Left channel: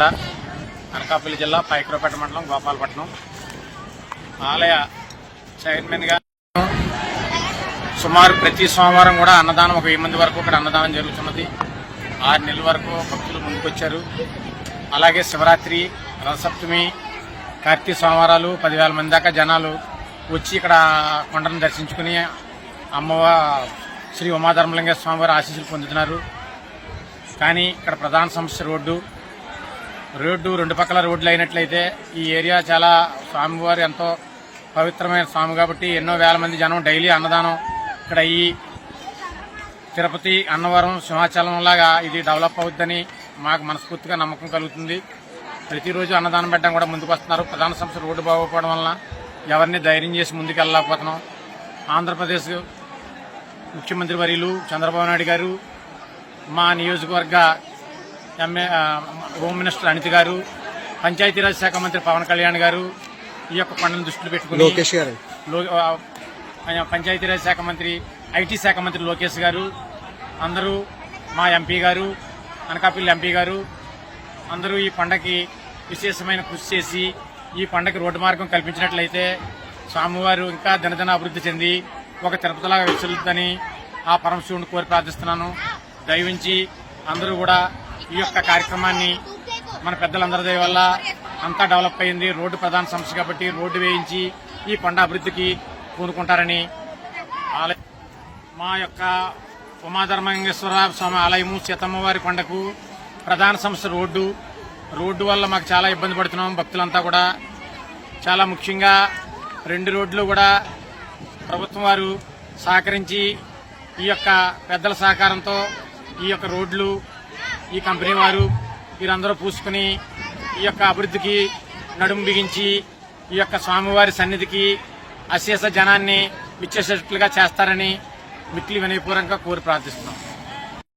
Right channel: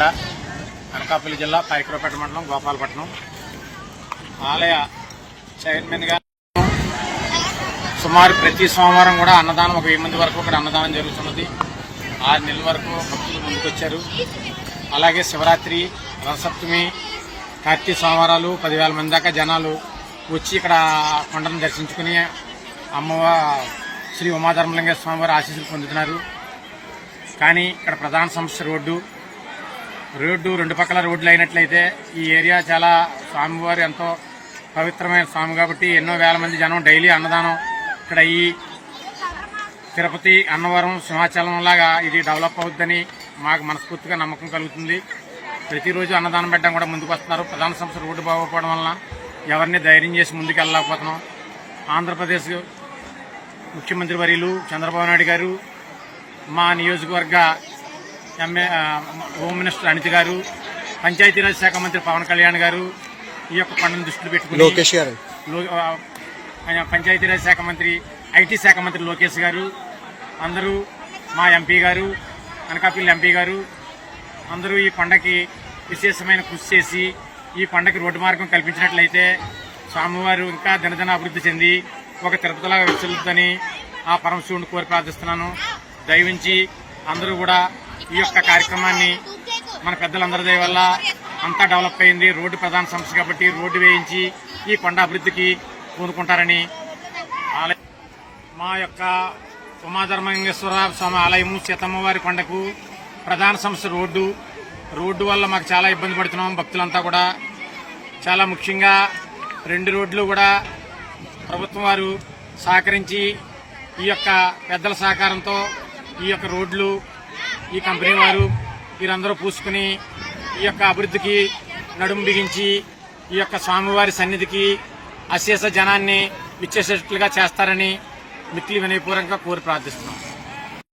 తండా, అనకాపల్లి జిల్లా, పైకరావుపేట మండలం, గోపాలపట్నం. ఆలయ చైర్మన్ గా సుమారు ప్రతి సోమవారం కూడా అన్నదానం 1000 మంది వరకు ఇక్కడ అన్నదానం జరుగుతున్నది. 6 నెలల వరకు భక్తులు ముందుకొచ్చారు. అలాగే శివరాత్రి, రథసప్తమి, కార్తీక సోమవారాలు 10,000 మంది దాకా జనాలు వచ్చి ఇక్కడ కొండను దర్శించుకుని అమ్మవారి శ్రీ ఉమాధర్మలింగేశ్వర స్వామి వారి ఆశీస్సులు పొందుతున్నారు. కానీ ఇక్కడ ప్రధాన సమస్య రోడ్డు. 2 పక్కల రోడ్లు అయినట్లయితే ఈ ఏరియా చాలా, స్వామివారు ఎంతో పవిత్రమైన స్వామి కాబట్టి ఎన్నో వేల మంది జనం డైలీ అన్నదానం ఇక్కడ ఈ తిరుపతి, అన్నవరం, సింహాచలం లాగా ఇది డెవలప్ అవుతుందని మాకు మనస్ఫూర్తిగా నమ్మకం కలుగుతుంది. ప్రతిరోజు అన్నదానం పెట్టడం కూడా ముందుకు వస్తున్నారు. ప్రధాన సమస్య రోడ్డు బాగోకపోవడం వలన ఎవరిని ధైర్యం చేసి ముందుకు వెళ్ళలేకపోతున్నాం. ఆంధ్రప్రదేశ్ ముఖ్యమంత్రి వర్యులు చంద్రబాబు నాయుడు గారు, మా నియోజకవర్గ హోమ్ మినిస్టర్ అనిత గారు, పంచాయతీరాజ్ శాఖ మంత్రి పవన్ కళ్యాణ్ గారు ఈ యొక్క పండుగను దృష్టిలో పెట్టుకుని, లోకేష్ గారు, పంచాయతీరాజ్ శాఖ మంత్రి, ఐటీ శాఖ మంత్రి లోకేష్ గారు, అందరూ మా ఎంపీ గారు, అనకాపల్లి ఎంపీ గారు అందరూ ఈ పండగకి విశేషమైన కృషి చేసి ఈ పండగకి రోడ్డు మార్గం కల్పించినట్లయితే స్వామివారు ఇంకా దినదిన అభివృద్ధి చెంది ఒక తిరుపతిలాగా విచ్చులుతుందని ఆ పరమశివుని కోరి ప్రార్థిస్తున్నాను. దయవించి అందరూ కూడా ఈ యొక్క కార్యక్రమాన్ని, మన పెద్దలందరి దయ వల్ల అంతా డెవలప్ అయింది. రోడ్డు ప్రధాన సమస్య కాబట్టి రోడ్డు వేయించి ఈ కొండ అభివృద్ధికి పూనుకుంటారని. మా యొక్క ఉమాధర్మలింగేశ్వర స్వామి ఆలయము, సీతమ్మవారి కొండకు ప్రధాన సమస్య రోడ్డు వల్ల మాకు చాలా ఇబ్బంది పడుతున్నాం. భక్తులంతా కూడా చాలా ముఖ్యంగా 2 రోడ్లు కూడా ప్రభుత్వం వారు సహకరించి ఈ యొక్క పెద్దల సహకారంతో ఈ యొక్క రోడ్లు ఈ కంపెనీ వారు వీరందరూ పూసుకుని ఈ యొక్క అభివృద్ధికి నడుము బిగించి ఈ యొక్క స్వామివారి సన్నిధికి అశేష జనాన్ని విచ్చేసేట్లుగా చేస్తారని మిక్కిలి వినయపూర్వకంగా కోరి ప్రార్థిస్తున్నాం.